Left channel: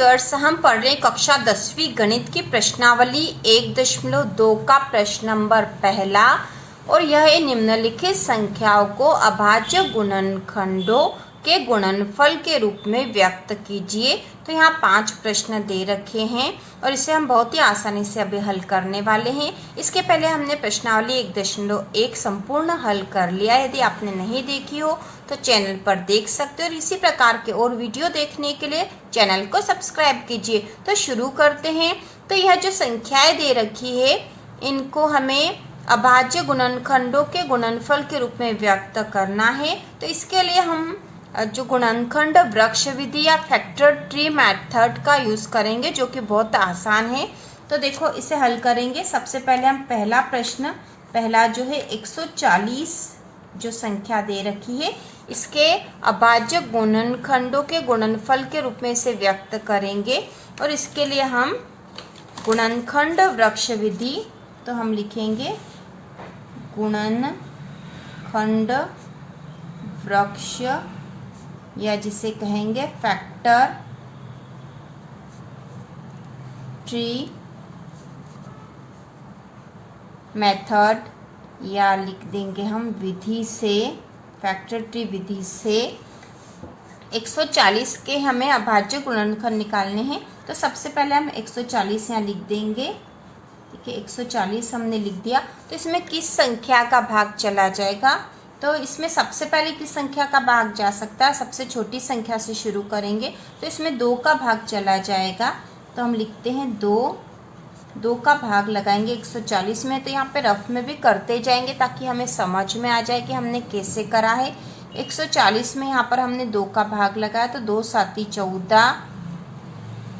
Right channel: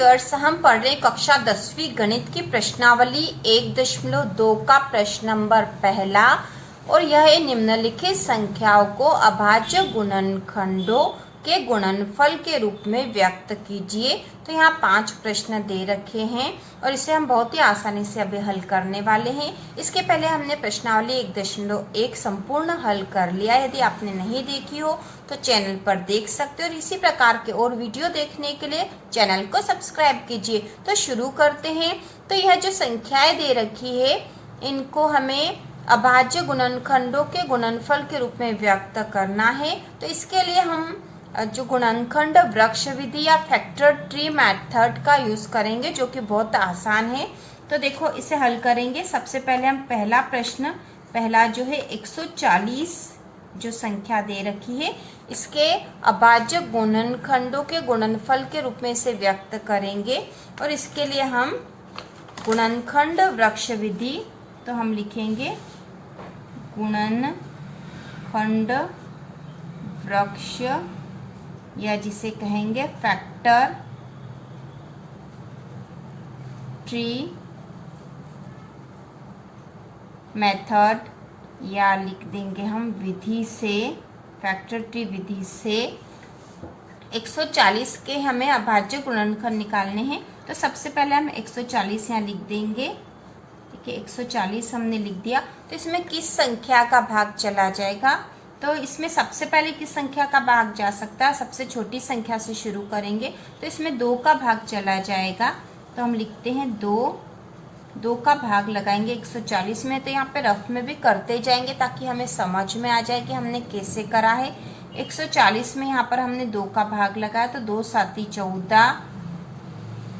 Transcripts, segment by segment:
Viewers, हम पढ़ रहे कक्षा 10वीं गणित की प्रश्नावली 1.2 का प्रश्न नंबर पहला। और यह निम्नलिखित संख्याओं को अभाज्य गुणनखंडों के गुणनफल के रूप में व्यक्त कीजिए। तो यहाँ 5 प्रश्न दे रखे हैं और इसे हम बहुत ही आसानी से अभी हल करने वाले हैं। इसके पहले हमने प्रश्नावली 1.1 संपूर्ण हल कर लिया। यदि आपने नहीं देखी हो तो चैनल पर देख सकते हो और इसी प्रकार के और वीडियो देखने के लिए चैनल को सब्सक्राइब कीजिए। तो शुरू करते हैं। तो यह जो संख्याएं दे रखी है इनको हमें अभाज्य गुणनखंडों के गुणनफल के रूप में व्यक्त करना है। तो इसके लिए हम जो गुणनखंड वृक्ष विधि या फैक्टर ट्री मेथड का यूज करेंगे, जो कि बहुत आसान है। तो देखो इसे हल करेंगे। सबसे पहले हम पहला जो है 140 जो संख्या दे रखी है इसके अभाज्य गुणनखंडों के गुणनफल के रूप में इसे व्यक्त करेंगे। और इसके लिए हम गुणनखंड वृक्ष विधि, तो हम लिखेंगे गुणनखंड वृक्ष या जिसे कहेंगे फैक्टर ट्री मेथड, या लिख देंगे हम विधि से, फैक्टर ट्री विधि से 140 के हमें अभाज्य गुणनखंड निकालने हैं। तो सबसे पहले हम 140 यहाँ लिख देंगे। देखिए 140 हमने लिख दिया। तो इसमें किस संख्या का भाग चला जाएगा? तो इसमें सबसे पहले किस संख्या का भाग जा सकता है? सबसे छोटी संख्या से शुरू करेंगे। तो इसमें 2 का भाग चला जाएगा। तो हम लिखते हैं 2 का भाग लगाएंगे 140 में। तो यहाँ पे रफ में भी करते जाएंगे ताकि हमें समझ में आ जाए कि हमने कैसे करा है। 140 में यहाँ पर हमने 2 का भाग लगाया तो 2 साती 14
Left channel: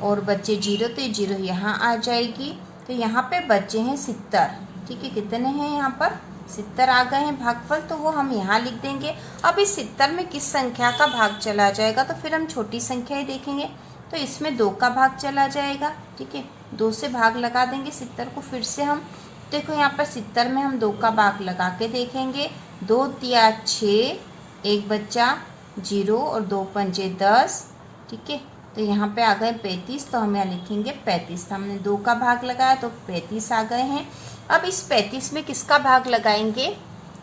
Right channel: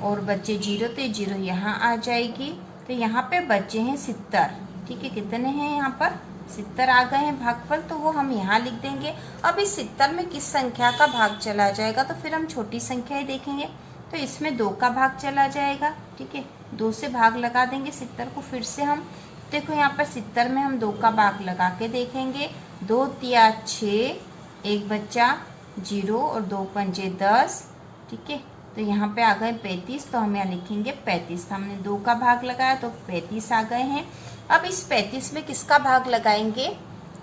और बच्चे 0, तो 0 यहाँ आ जाएगी। तो यहाँ पे बच्चे हैं 70। ठीक है, कितने हैं यहाँ पर? 70 आ गए हैं भागफल, तो वो हम यहाँ लिख देंगे। अब इस 70 में किस संख्या का भाग चला जाएगा? तो फिर हम छोटी संख्या ही देखेंगे। तो इसमें 2 का भाग चला जाएगा। ठीक है, 2 से भाग लगा देंगे 70 को। फिर से हम देखो यहाँ पर 70 में हम 2 का भाग लगा के देखेंगे। 2 तिया 6, एक बच्चा 0 और 2 पंजे 10। ठीक है, तो यहाँ पे आ गए 35। तो हम यहाँ लिखेंगे 35। तो हमने 2 का भाग लगाया तो 35 आ गए हैं। अब इस 35 में किसका भाग लगाएंगे?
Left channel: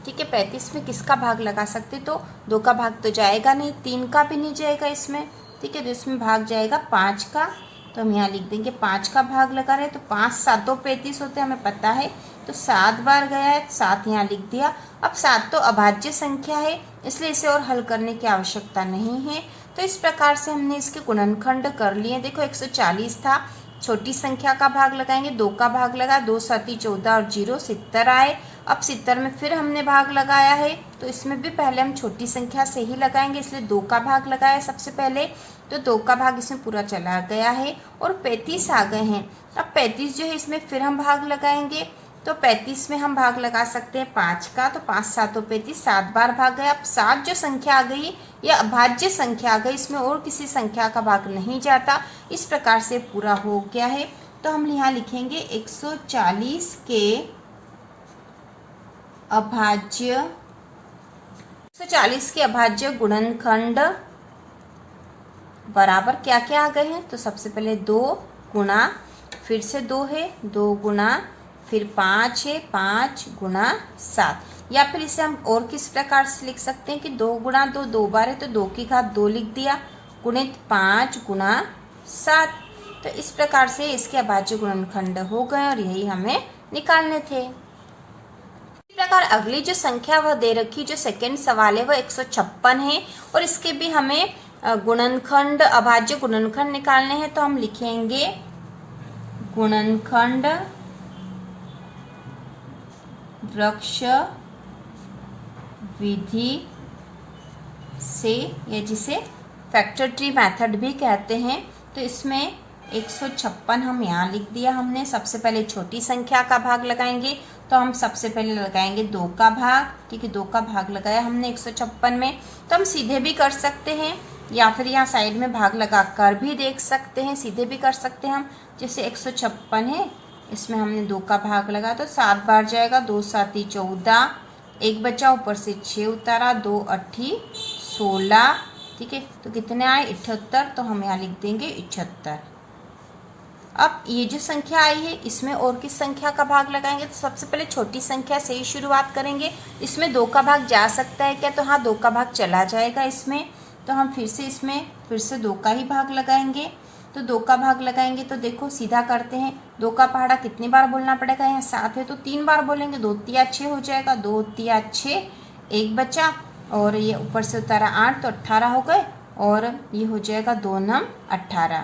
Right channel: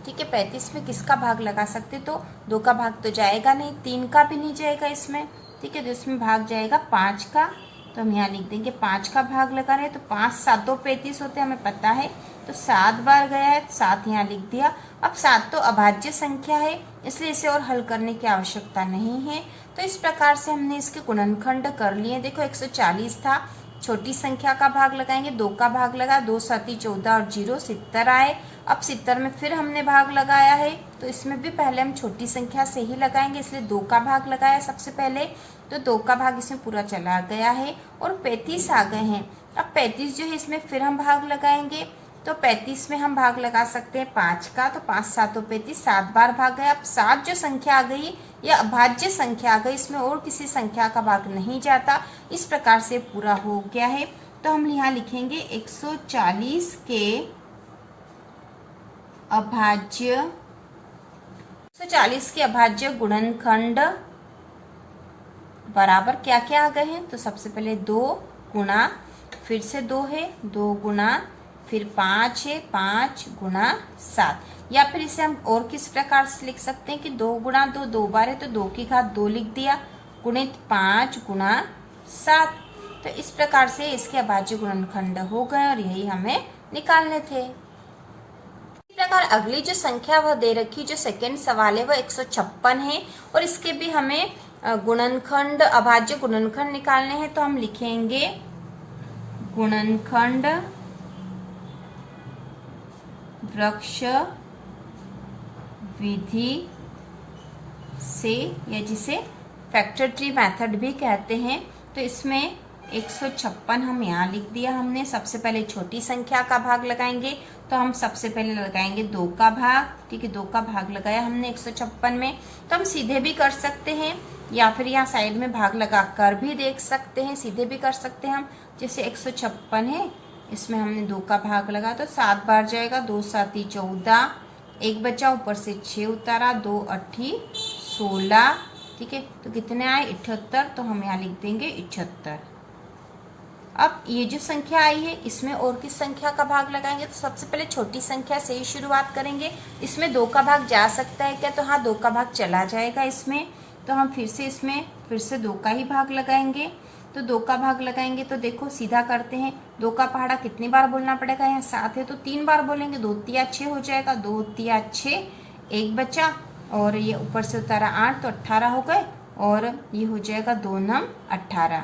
ठीक है, 35 में किसका भाग लगा सकते? तो 2 का भाग तो जाएगा नहीं, 3 का भी नहीं जाएगा इसमें। ठीक है, तो इसमें भाग जाएगा 5 का। तो हम यहाँ लिख देंगे 5 का भाग लगा रहे। तो 5 7 35 होते हैं, हमें पता है। तो 7 बार गया है, 7 यहाँ लिख दिया। अब 7 तो अभाज्य संख्या है, इसलिए इसे और हल करने की आवश्यकता नहीं है। तो इस प्रकार से हमने इसके गुणनखंड कर लिए। देखो 140 था, छोटी संख्या का भाग लगाएंगे, 2 का भाग लगा, 2 साती 14 और 0 70 आए। अब 70 में फिर हमने भाग लगाया है, तो इसमें भी पहले हम छोटी संख्या से ही लगाएंगे, इसलिए 2 का भाग लगाया सबसे पहले। तो 2 का भाग इसमें पूरा चला गया है और 35 आ गए हैं। अब 35 जो है इसमें फिर हम भाग लगाएंगे। तो 35 में हम भाग लगा सकते हैं 5 का। तो 5 7 35, 7 बार भाग गया। अब 7 जो संख्या आ गई यह अभाज्य संख्या आ गई, इसमें और किसी संख्या का भाग नहीं जाता। इस प्रकार से पूरा हो गया है। तो हम यहाँ लिखेंगे 140 के अभाज्य गुणनखंड बराबर क्या क्या आ गए हैं? तो सबसे पहले 2 गुणा, फिर से 2 है, 2 गुणा, फिर 5 है, 5 गुणा 7। या फिर इसे हम और किस प्रकार से लिख सकते हैं कि 2 गुणा 2 2 बार है, तो 2 की घात 2 लिख दिया, गुणित 5 गुणा 7। तो इस प्रकार से इसके अभाज्य गुणनखंड हो गए और यही हमें निकालने थे। इस प्रकार अगली जो संख्या वह दे रखी, जो सेकंड सवाल है वह 156 है और इसके भी हमें गुणनखंड अभाज्य गुणनखंड निकालने हैं। तो हम लिखेंगे गुणनखंड वृक्ष विधि से, या जिसे फैक्टर ट्री मेथड भी कहते हैं। तो इसमें 156 हम यहाँ लिख दिया हमने। सबसे पहले छोटी संख्या का भाग लगाएंगे, तो हम सबसे पहले लगाएंगे 2 का भाग। ठीक है, 2 का भाग लगाया हमने 156 में। तो हम सीधे भी कर सकते हैं या फिर यहाँ साइड में भाग लगा कर भी देख सकते हैं, सीधे भी कर सकते हैं हम। जैसे 156 है, इसमें हमने 2 का भाग लगा तो 7 बार जाएगा, 2 साती 14, एक बचा ऊपर से 6 उतारा, 2 8 16 ठीक है। तो कितने आए 78, तो हम यहाँ लिख देंगे 78। अब ये जो संख्या आई है इसमें और किस संख्या का भाग लगाएंगे, तो सबसे पहले छोटी संख्या से ही शुरुआत करेंगे। इसमें 2 का भाग जा सकता है क्या, तो हाँ 2 का भाग चला जाएगा इसमें। तो हम फिर से 2 का ही भाग लगाएंगे। तो 2 का भाग लगाएंगे तो देखो सीधा करते हैं। 2 का पहाड़ा कितनी बार बोलना पड़ेगा, यहाँ 7 है तो 3 बार बोलेंगे। 2 तिया 6 हो जाएगा, 2 तिया 6, 1 बचा और ये ऊपर से उतारा 8 तो 18 हो गए और ये हो जाएगा 2 नम 18।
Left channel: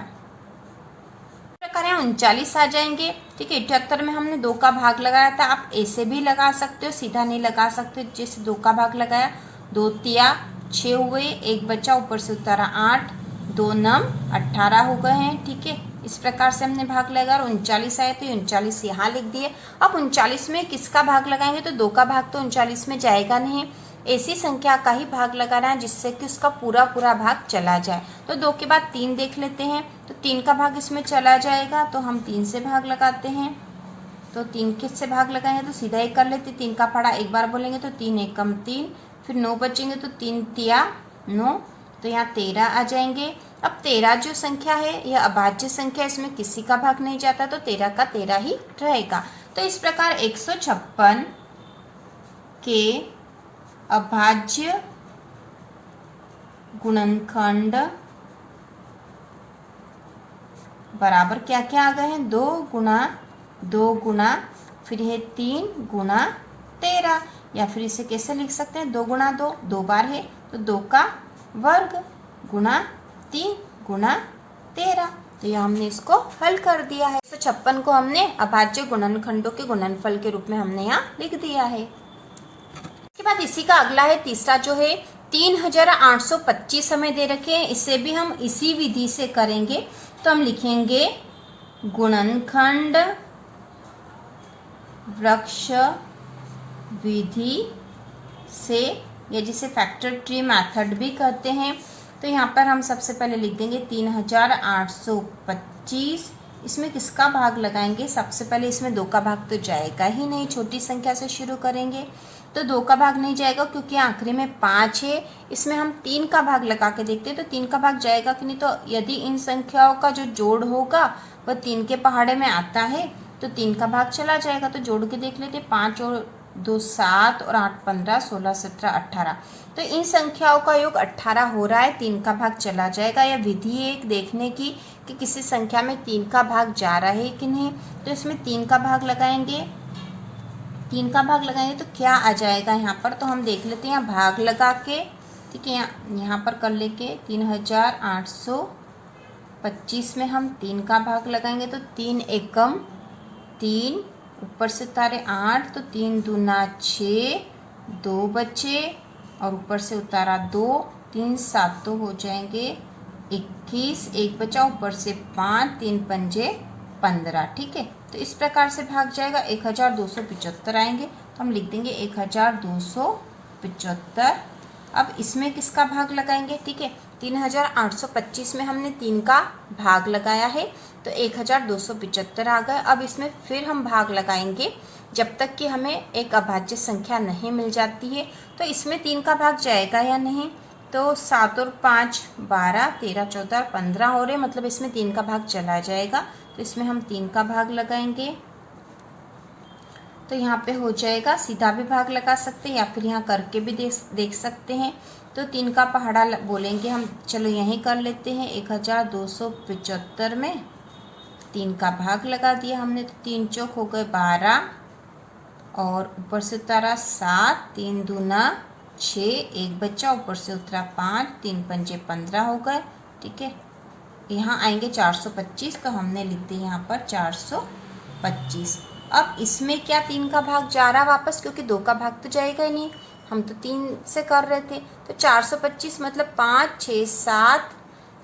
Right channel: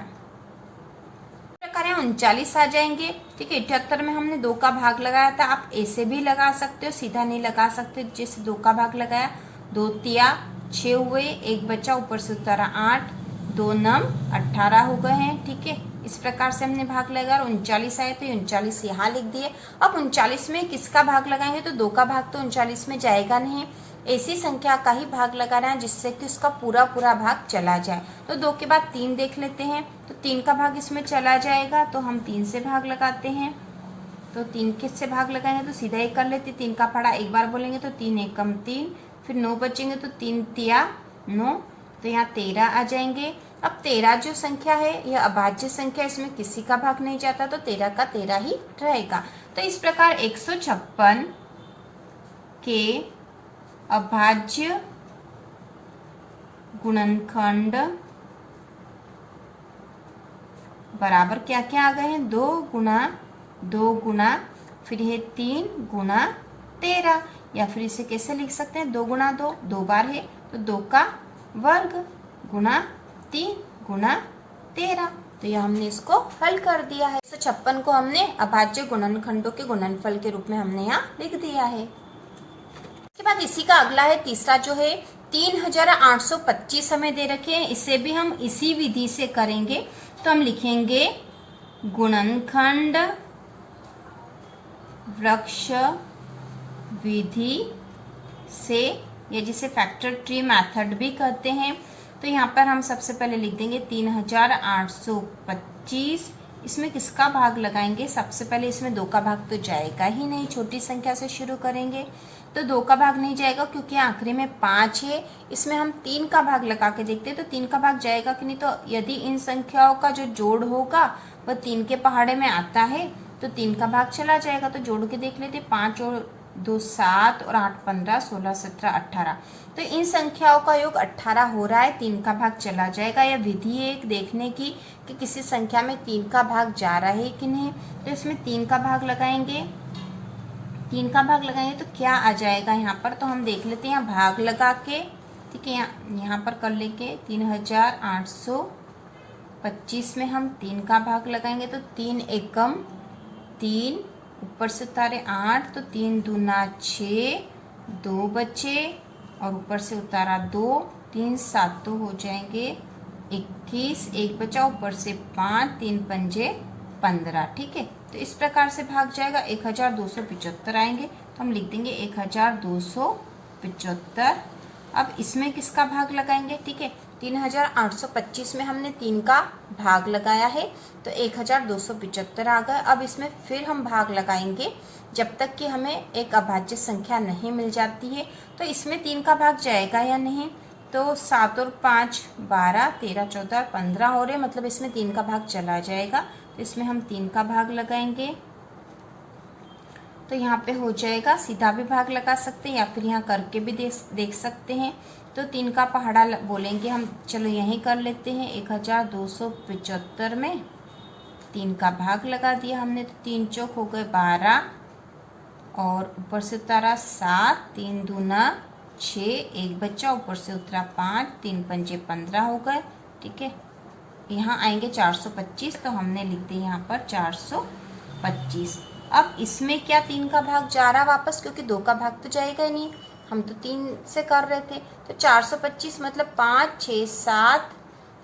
39 आ जाएंगे, ठीक है। 78 में हमने 2 का भाग लगाया था, आप ऐसे भी लगा सकते हो, सीधा नहीं लगा सकते। जैसे 2 का भाग लगाया, 2 तिया 6 हुए, 1 बचा ऊपर से उतारा 8, 2 नम 18 हो गए हैं, ठीक है। इस प्रकार से हमने भाग लगाया और 39 आए तो 39 यहाँ लिख दिए। अब 39 में किसका भाग लगाएंगे, तो 2 का भाग तो 39 में जाएगा नहीं, ऐसी संख्या का ही भाग लगाना है जिससे कि उसका पूरा भाग चला जाए। तो 2 के बाद 3 देख लेते हैं, तो 3 का भाग इसमें चला जाएगा तो हम 3 से भाग लगाते हैं। तो 3 किससे भाग लगाएंगे, तो सीधा ही कर लेते। 3 का पहाड़ा एक बार बोलेंगे तो 3 एकम 3, फिर 9 बचेंगे तो 3 तिया 9, तो यहाँ 13 आ जाएंगे। अब 13 जो संख्या है यह अभाज्य संख्या, इसमें किसी का भाग नहीं जाता तो 13 का 13 ही रहेगा। तो इस प्रकार 156 के अभाज्य गुणनखंड बराबर क्या क्या आ गए हैं, 2 गुना फिर है 3 गुना 13, या फिर इसे कैसे लिख सकते हैं, 2 गुना 2, 2 बार है तो 2 का वर्ग गुना 3 गुना 13। तो यह हमने इसको हल कर दिया है। 156 को हमने अभाज्य गुणनखंडों के गुणनफल के रूप में हमने यहाँ लिख दिया है। इसके बाद इसी का अगला है तीसरा जो है 3825 हमें दे रखे हैं, इसे भी हम इसी विधि से करेंगे। तो हम लिखेंगे गुणनखंड वृक्ष विधि से, या जिसे फैक्टर ट्री मेथड भी कहते हैं। तो यहाँ पर हम सबसे पहले लिख देंगे 3825, इसमें किसका भाग लगाएंगे, सबसे पहले इसमें 2 का भाग तो जाएगा ही नहीं, छोटी संख्या से शुरू करेंगे। तो 2 का भाग नहीं जाएगा क्योंकि आखिरी में 5 है। इसमें हम 3 का भाग लगा के देखते हैं तो 3 का भाग जाएगा कि नहीं। तो यदि इन संख्याओं का जो जोड़ होगा वह 3 के पहाड़े में आता है तो 3 का भाग चला जाएगा। तो जोड़ के देख लेते, 5 और 2 7 और 8 15 16 17 18। तो इन संख्याओं का योग 18 हो रहा है, 3 का भाग चला जाएगा। यह विधि है एक देखने की कि किसी संख्या में 3 का भाग जा रहा है कि नहीं। तो इसमें 3 का भाग लगाएंगे, 3 का भाग लगाएंगे तो क्या आ जाएगा यहाँ पर, तो हम देख लेते हैं। यहाँ भाग लगा के, ठीक है, यहाँ पर कर लेके 3825 में हम 3 का भाग लगाएंगे तो 3 एकम 3, ऊपर से उतारे 8 तो 3 दूना 6, 2 बचे और ऊपर से उतारा 2, 3 7 तो हो जाएंगे 21, 1 बचा ऊपर से 5, 3 पंजे 15, ठीक है। तो इस प्रकार से भाग जाएगा, 1275 आएंगे तो हम लिख देंगे 1275। अब इसमें किसका भाग लगाएंगे, ठीक है। 3825 में हमने 3 का भाग लगाया है तो 1275 आ गए। अब इसमें फिर हम भाग लगाएंगे जब तक कि हमें एक अभाज्य संख्या नहीं मिल जाती है। तो इसमें 3 का भाग जाएगा या नहीं, तो 7 और 5 12, 13 14 15 हो रहे, मतलब इसमें 3 का भाग चला जाएगा। तो इसमें हम 3 का भाग लगाएंगे तो यहाँ पे हो जाएगा, सीधा भी भाग लगा सकते हैं या फिर यहाँ करके भी देख सकते हैं। तो 3 का पहाड़ा बोलेंगे हम, चलो यहीं कर लेते हैं। 1275 में 3 का भाग लगा दिया हमने तो 3 चौक हो गए 12 और ऊपर से उतारा 7, 3 दूना 6, 1 बच्चा ऊपर से उतरा 5, 3 पंजे 15 हो गए, ठीक है। यहाँ आएंगे 425 तो हमने लिख दिया यहाँ पर 425। अब इसमें क्या 3 का भाग जा रहा वापस, क्योंकि 2 का भाग तो जाएगा ही नहीं, हम तो 3 से कर रहे थे। तो 425 मतलब 5 6 7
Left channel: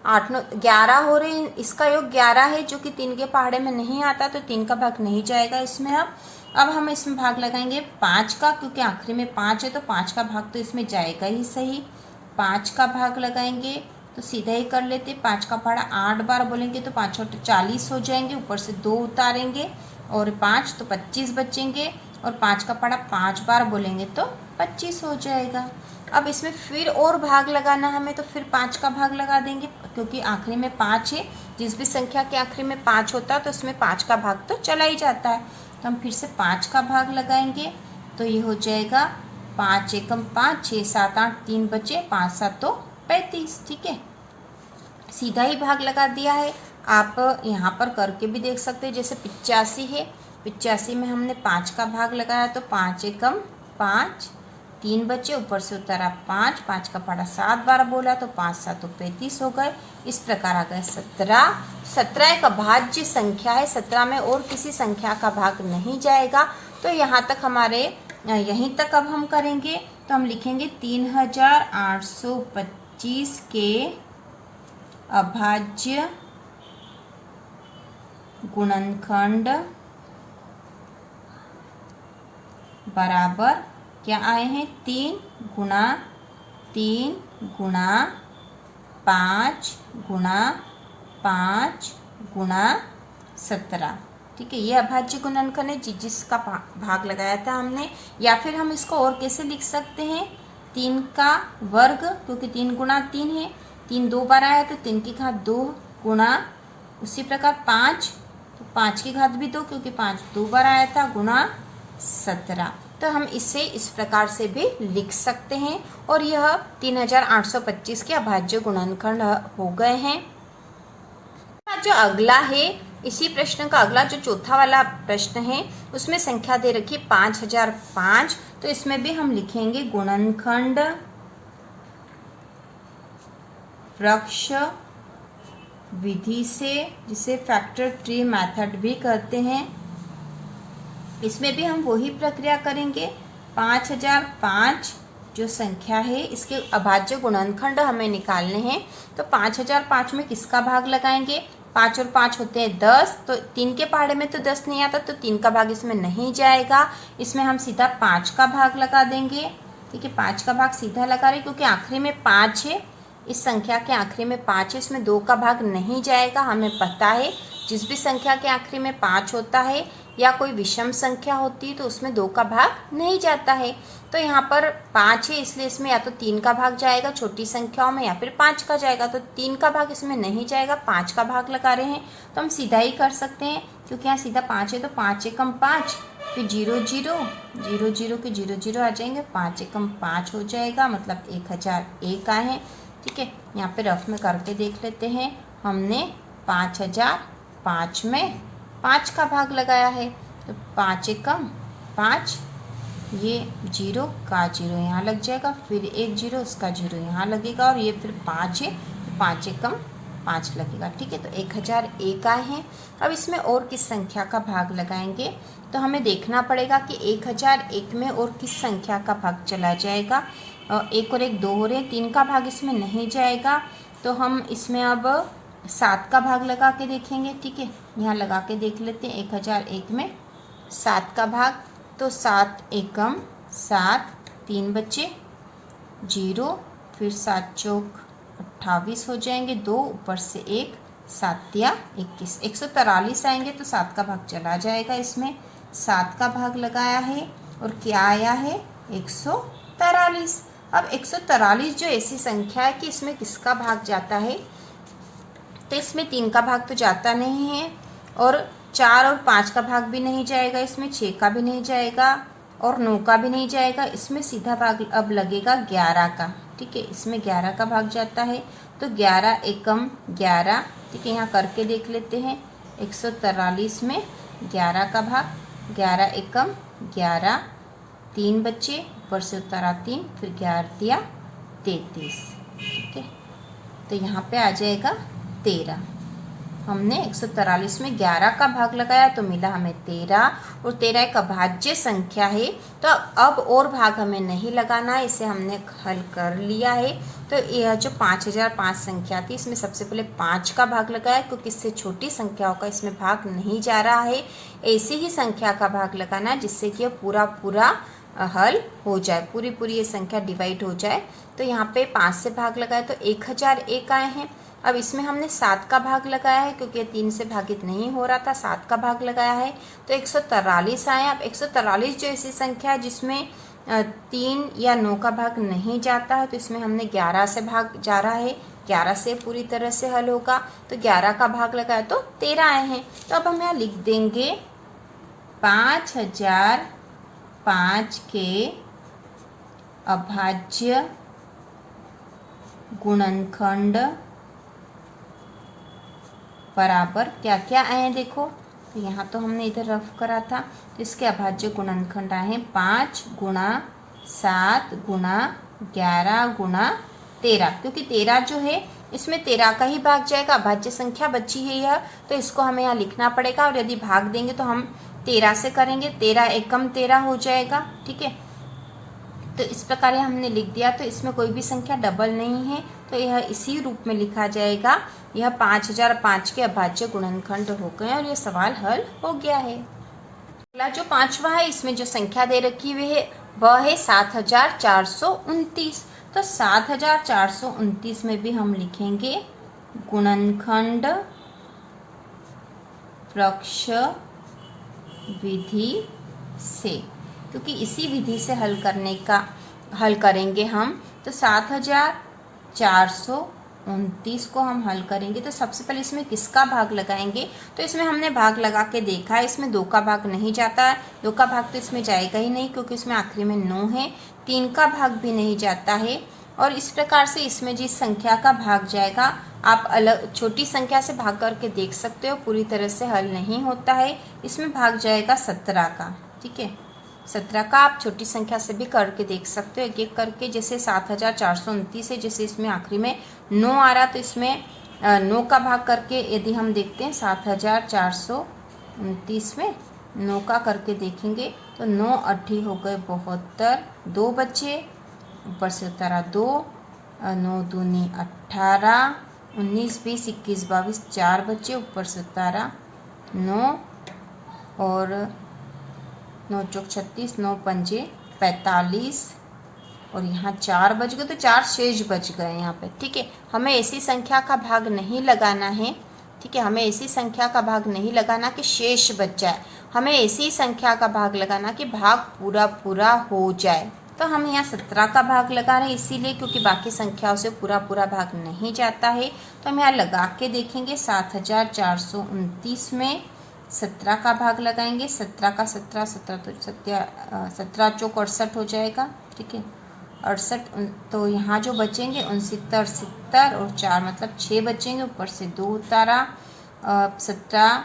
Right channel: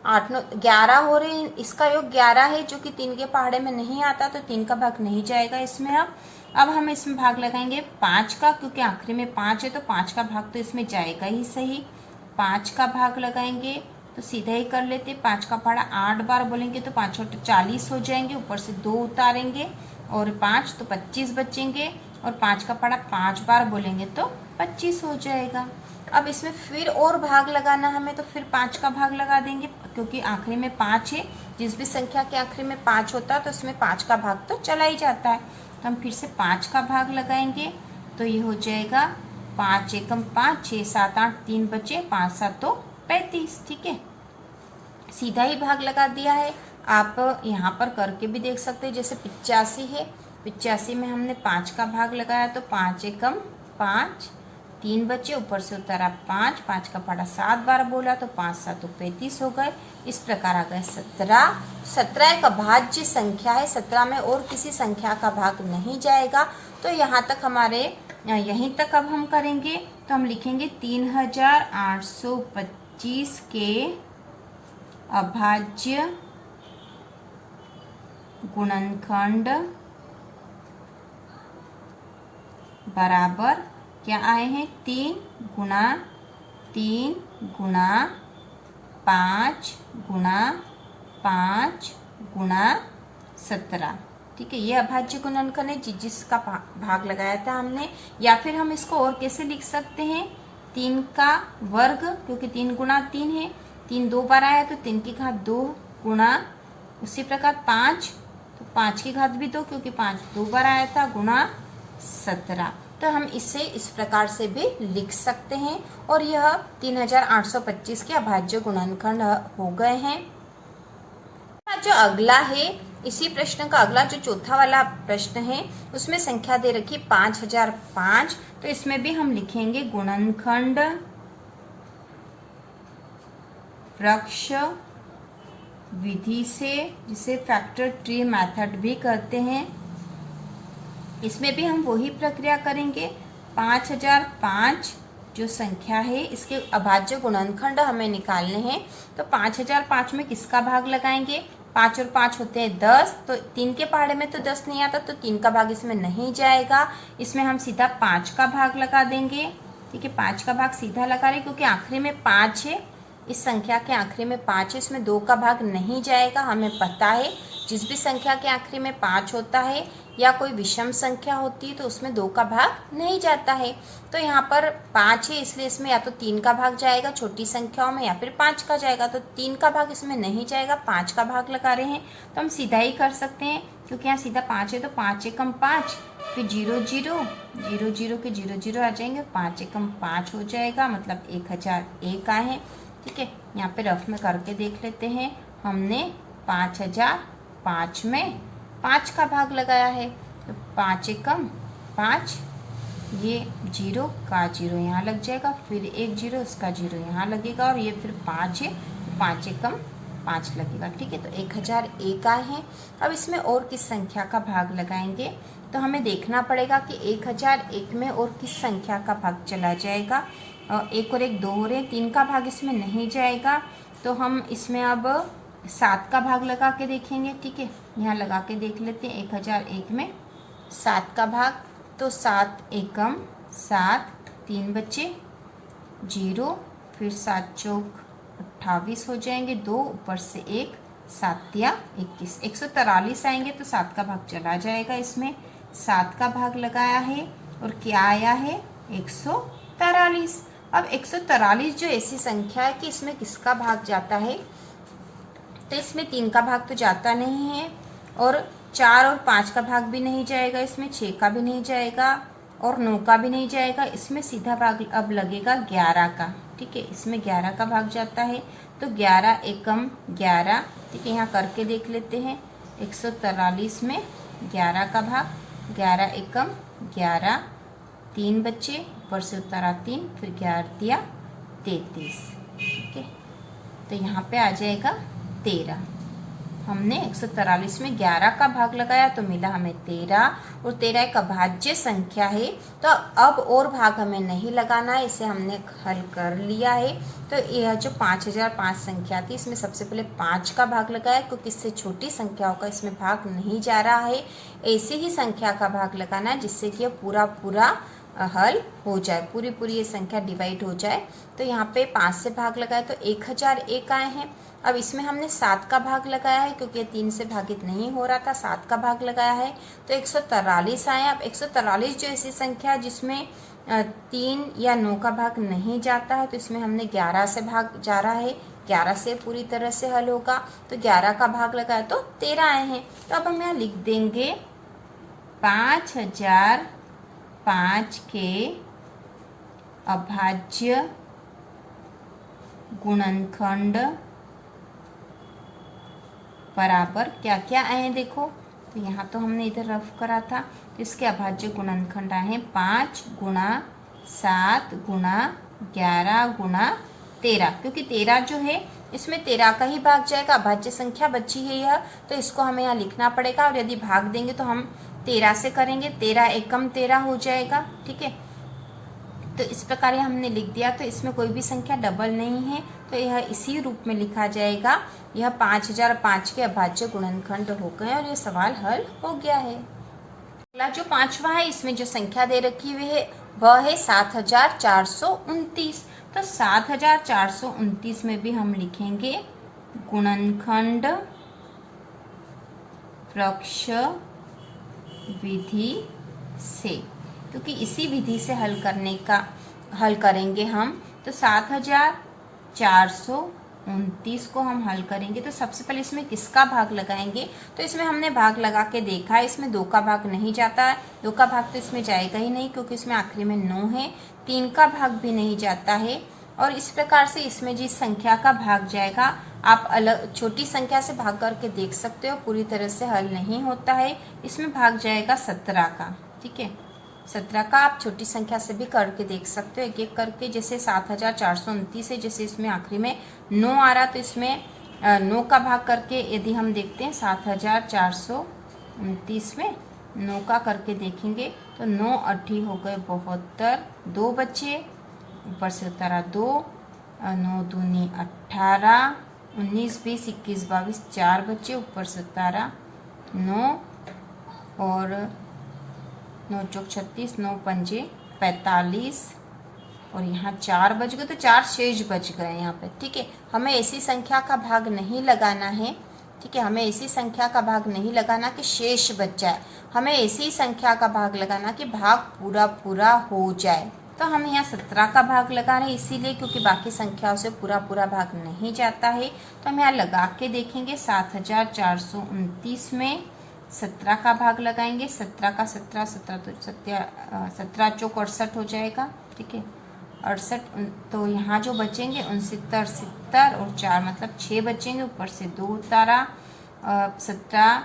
8 9 11 हो रहे हैं, इसका योग 11 है जो कि 3 के पहाड़े में नहीं आता, तो 3 का भाग नहीं जाएगा इसमें। अब हम इसमें भाग लगाएंगे 5 का, क्योंकि आखिरी में 5 है तो 5 का भाग तो इसमें जाएगा ही सही। 5 का भाग लगाएंगे तो सीधा ही कर लेते, 5 का पहाड़ा 8 बार बोलेंगे तो 5 और 40 हो जाएंगे, ऊपर से 2 उतारेंगे और 5 तो 25 बचेंगे और 5 का पढ़ा 5 बार बोलेंगे तो 25 हो जाएगा। अब इसमें फिर और भाग लगाना हमें, तो फिर 5 का भाग लगा देंगे, क्योंकि आखिरी में 5 है। जिस भी संख्या के आखिरी में 5 होता है तो उसमें 5 का भाग तो चला ही जाता है। तो हम फिर से 5 का भाग लगाएंगे, तो ये हो जाएगा 5 एकम 5, 6 7 8, 3 बचे, 5 7 तो 35। ठीक है, सीधा ही भाग लगा दिया है। आप यहाँ पर करके भी देख सकते हैं। जैसे 85 है, 85 में हमने 5 का भाग लगाया, तो 5 एकम 5, 3 बचे, ऊपर से उतारा 5, 5 का पढ़ा 7 बार बोला, तो 5 7 तो 35 हो गए। इस प्रकार आ गए 17। 17 एक अभाज्य संख्या है, 17 में और किसी संख्या का भाग नहीं जाएगा। तो यहाँ तक हमारे, यहीं तक अब हम करेंगे। तो हम लिखेंगे 3825 के अभाज्य गुणनखंड बराबर क्या आए हैं, 3 गुणा 3 गुणा 5 गुणा 5 गुणा 17। ठीक है, ये अभाज्य गुणनखंड है जिसका भाग लगाया था हमने। या फिर हम इसको और कैसे लिख सकते हैं, 3 का वर्ग, क्योंकि 3 गुणा 3 है, 3 2 बार आया तो 3 की घात 2 गुणा, उसी प्रकार 5, तो 5 की घात भी 2, क्योंकि 5 2 बार आया था, गुणा 17। तो हम इसे इस प्रकार से भी लिख सकते हैं। और यह 3825 के अभाज्य गुणनखंड हो गए हैं। जो अगला है, इसी प्रश्न का अगला जो चौथा वाला प्रश्न है, उसमें संख्या दे रखी 5005। तो इसमें भी हम लिखेंगे गुणनखंड वृक्ष विधि से, जिसे फैक्टर ट्री मेथड भी कहते हैं। इसमें भी हम वही प्रक्रिया करेंगे। 5005 जो संख्या है, इसके अभाज्य गुणनखंड हमें निकालने हैं। तो 5005 में किसका भाग लगाएंगे, 5 और 5 होते हैं 10, तो 3 के पहाड़े में तो 10 नहीं आता, तो 3 का भाग इसमें नहीं जाएगा। इसमें हम सीधा 5 का भाग लगा देंगे। ठीक है, 5 का भाग सीधा लगा रहे, क्योंकि आखिरी में 5 है, इस संख्या के आखिरी में 5 है, इसमें 2 का भाग नहीं जाएगा। हमें पता है जिस भी संख्या के आखिरी में 5 होता है या कोई विषम संख्या होती है तो उसमें 2 का भाग नहीं जाता है। तो यहाँ पर 5 है, इसलिए इसमें या तो 3 का भाग जाएगा छोटी संख्याओं में, या फिर 5 का जाएगा। तो 3 का भाग इसमें नहीं जाएगा, 5 का भाग लगा रहे हैं, तो हम सीधा ही कर सकते हैं, क्योंकि यहाँ सीधा 5 है, तो 5 एकम 5, फिर 0 0 0 0 के 0 0 आ जाएंगे, 5 एकम 5 हो जाएगा, मतलब 1001 आए हैं। ठीक है, यहाँ पे रफ में करके देख लेते हैं। हमने 5005 में 5 का भाग लगाया है, तो 5 एकम 5, ये 0 का 0 यहाँ लग जाएगा, फिर एक 0, उसका 0 यहाँ लगेगा, और ये फिर 5 है, तो 5 एकम 5 लगेगा। ठीक है, तो 1001 आए हैं। अब इसमें और किस संख्या का भाग लगाएंगे, तो हमें देखना पड़ेगा कि 1001 में और किस संख्या का भाग चला जाएगा। 1 और 1 2 हो रहे हैं, 3 का भाग इसमें नहीं जाएगा, तो हम इसमें अब 7 का भाग लगा के देखेंगे। ठीक है, यहाँ लगा के देख लेते हैं। 1001 में 7 का भाग, तो 7 एकम 7, 3 बचे 0, फिर 7 चौक 28 हो जाएंगे, 2 ऊपर से 1, 7 या 21, 143 आएंगे, तो 7 का भाग चला जाएगा। इसमें 7 का भाग लगाया है और क्या आया है, 143। अब 143 जो ऐसी संख्या है कि इसमें किसका भाग जाता है, तो इसमें 3 का भाग तो जाता नहीं है, और 4 और 5 का भाग भी नहीं जाएगा, इसमें 6 का भी नहीं जाएगा, और 9 का भी नहीं जाएगा। इसमें सीधा भाग अब लगेगा 11 का। ठीक है, इसमें 11 का भाग जाता है, तो 11 एकम 11। ठीक है, यहाँ करके देख लेते हैं। 143 में 11 का भाग, 11 एकम 11, 3 बचे, ऊपर से उतारा 3, फिर 11 दिया 33। ठीक है, तो यहाँ पे आ जाएगा 13। हमने 143 में 11 का भाग लगाया तो मिला हमें 13, और 13 एक अभाज्य संख्या है। तो अब और भाग हमें नहीं लगाना है, इसे हमने हल कर लिया है। तो यह जो 5005 संख्या थी, इसमें सबसे पहले 5 का भाग लगाया, क्योंकि इससे छोटी संख्याओं का इसमें भाग नहीं जा रहा है। ऐसी ही संख्या का भाग लगाना है जिससे कि पूरा पूरा हल हो जाए, पूरी पूरी ये संख्या डिवाइड हो जाए। तो यहाँ पे 5 से भाग लगाए तो 1001 आए हैं। अब इसमें हमने 7 का भाग लगाया है क्योंकि 3 से भागित नहीं हो रहा था, 7 का भाग लगाया है तो 143 आया। अब 143 जो ऐसी संख्या है जिसमें 3 या 9 का भाग नहीं जाता है तो इसमें हमने 11 से भाग जा रहा है, 11 से पूरी तरह से हल होगा। तो 11 का भाग लगाया तो 13 आए हैं। तो अब हम यहाँ लिख देंगे 5005 के अभाज्य गुणनखंड बराबर क्या क्या आए हैं देखो। तो यहाँ तो हमने इधर रफ करा था, तो इसके अभाज्य गुणनखंड आए हैं 5 गुणा 7 गुणा 11 गुणा 13, क्योंकि 13 जो है इसमें 13 का ही भाग जाएगा, अभाज्य संख्या बची है यह, तो इसको हमें यहाँ लिखना पड़ेगा। और यदि भाग देंगे तो हम 13 से करेंगे, 13 एकम 13 हो जाएगा। ठीक है, तो इस प्रकार हमने लिख दिया। तो इसमें कोई भी संख्या डबल नहीं है, तो यह इसी रूप में लिखा जाएगा। यह 5005 के अभाज्य गुणनखंड हो गए और यह सवाल हल हो गया है। अगला जो 5वां है, इसमें जो संख्या दे रखी हुई है वह है 7429। तो 7429 में भी हम लिखेंगे गुणनखंड वृक्ष विधि से, क्योंकि इसी विधि से हल करेंगे हम। तो 7429 को हम हल करेंगे तो सबसे पहले इसमें किसका भाग लगाएंगे। तो इसमें हमने भाग लगा के देखा है, इसमें 2 का भाग नहीं जाता, 2 का भाग तो इसमें जाएगा ही नहीं क्योंकि इसमें आखिरी में 9 है। 3 का भाग भी नहीं जाता है। और इस प्रकार से इसमें जिस संख्या का भाग जाएगा आप अलग छोटी संख्या से भाग करके देख सकते हो, पूरी तरह से हल नहीं होता है। इसमें भाग जाएगा 17 का। ठीक है, 17 का आप छोटी संख्या से भी करके देख सकते हो, एक एक करके। जैसे 7429 है, जैसे इसमें आखिरी में 9 आ रहा, तो इसमें 9 का भाग करके यदि हम देखते हैं 7429 में 9 का करके देखेंगे तो 9 8 हो गए 72, 2 बचे, ऊपर से 17 2, 9 दूनी 18, 19 20 21 22 4 बचे, ऊपर से 17 9 और 9 चौक 36, 9 पंजे 45 और यहाँ 4 बच गए, तो 4 शेष बच गए यहाँ पे। ठीक है, हमें ऐसी संख्या का भाग नहीं लगाना है। ठीक है, हमें ऐसी संख्या का भाग नहीं लगाना कि शेष बच जाए, हमें ऐसी संख्या का भाग लगाना कि भाग पूरा पूरा हो जाए। तो हम यहाँ 17 का भाग लगा रहे हैं इसीलिए क्योंकि बाकी संख्याओं से पूरा पूरा भाग नहीं जाता है। तो हम यहाँ लगा के देखेंगे 7429 में 17 का भाग लगाएंगे। 17 का 17 17 चौक 68 हो जाएगा। ठीक है, 68, तो यहाँ जो बचेंगे 69 70 और 4 मतलब 6 बचेंगे, ऊपर से 2 उतारा, 17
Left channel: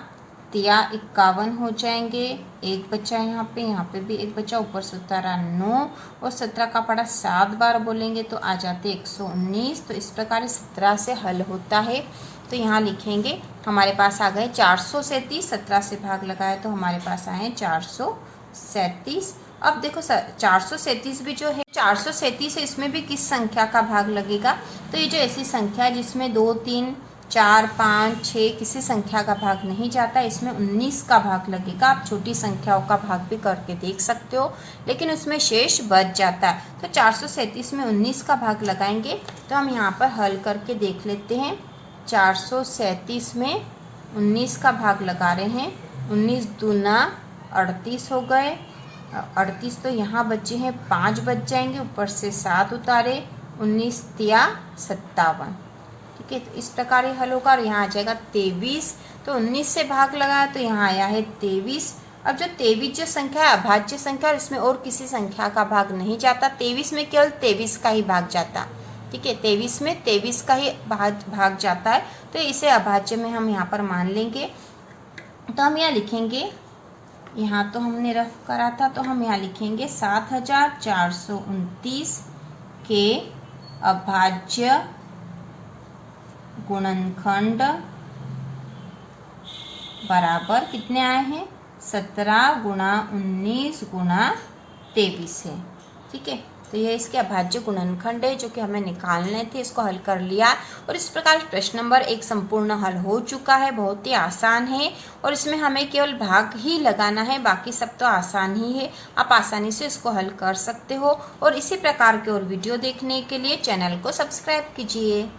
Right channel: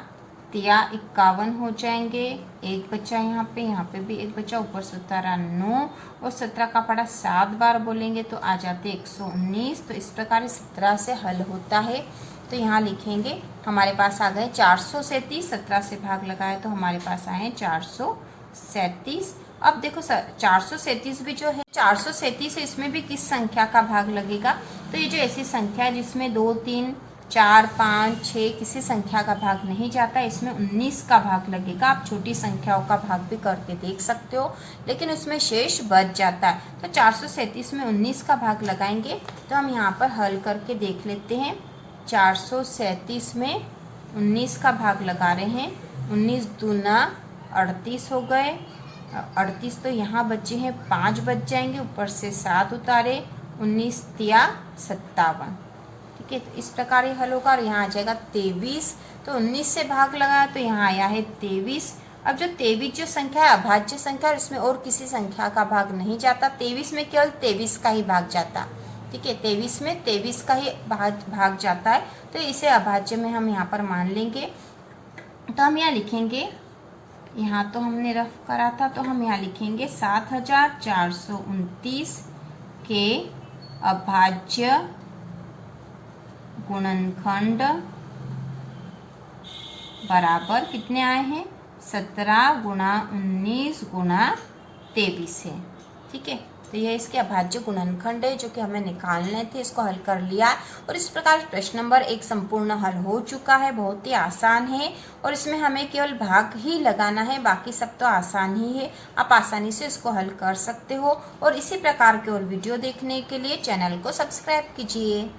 तिया 51 हो जाएंगे, 1 बचा यहाँ पे भी 1 बचा, ऊपर से उतारा 9 और 17 का पड़ा 7 बार बोलेंगे तो आ जाते 119। तो इस प्रकार 17 से हल होता है। तो यहाँ लिखेंगे, हमारे पास आ गए 437, 17 से भाग लगाया तो हमारे पास आए 437। अब देखो सर 437 भी जो है 437 है, इसमें भी किस संख्या का भाग लगेगा। तो ये जो ऐसी संख्या है जिसमें 2 3 4 5 6 किसी संख्या का भाग नहीं जाता, इसमें 19 का भाग लगेगा। आप छोटी संख्याओं का भाग भी करके देख सकते हो, लेकिन उसमें शेष बच जाता है। तो 437 में 19 का भाग लगाएंगे। तो हम यहाँ पर हल करके देख लेते हैं। 437 में 19 का भाग लगा रहे हैं, 19 दूना 38 हो गए, 38 तो यहाँ बचे हैं 5 बच जाएंगे, ऊपर से 7 उतारे, 19 तिया 57। ठीक है, इस प्रकार ये हल होगा। और यहाँ आ जाएगा 23, तो 19 से भाग लगाया तो यहाँ आया है 23। अब जो 23 जो संख्या है अभाज्य संख्या, और इसमें और किसी संख्या का भाग नहीं जाता। 23 में केवल 23 का ही भाग जाता। ठीक है, 23 में 23 का ही भाग जाता है, तो इसे अभाज्य में हम यहाँ पर मान लेंगे। तो हम यहाँ लिखेंगे, यहाँ तो हमने रफ करा था, तो हम यहाँ लिखेंगे 7429 के अभाज्य गुणनखंड बराबर कितने आए हैं 17 गुणा 19 गुणा 23 है। ठीक है, तो यह इसके अभाज्य गुणनखंड है जो कि हमें निकालने थे, इसको हल कर लिया। और इस प्रकार प्रश्न नंबर 1 संपूर्ण हल हो चुका है, बहुत ही आसान है और इसमें हमें केवल भाग ही लगाना है, बाकी सब तो आसान ही है। आप आसानी से इसको हल कर सकते हो। और इसी प्रकार के और वीडियो देखने के लिए चैनल को सब्सक्राइब कीजिए।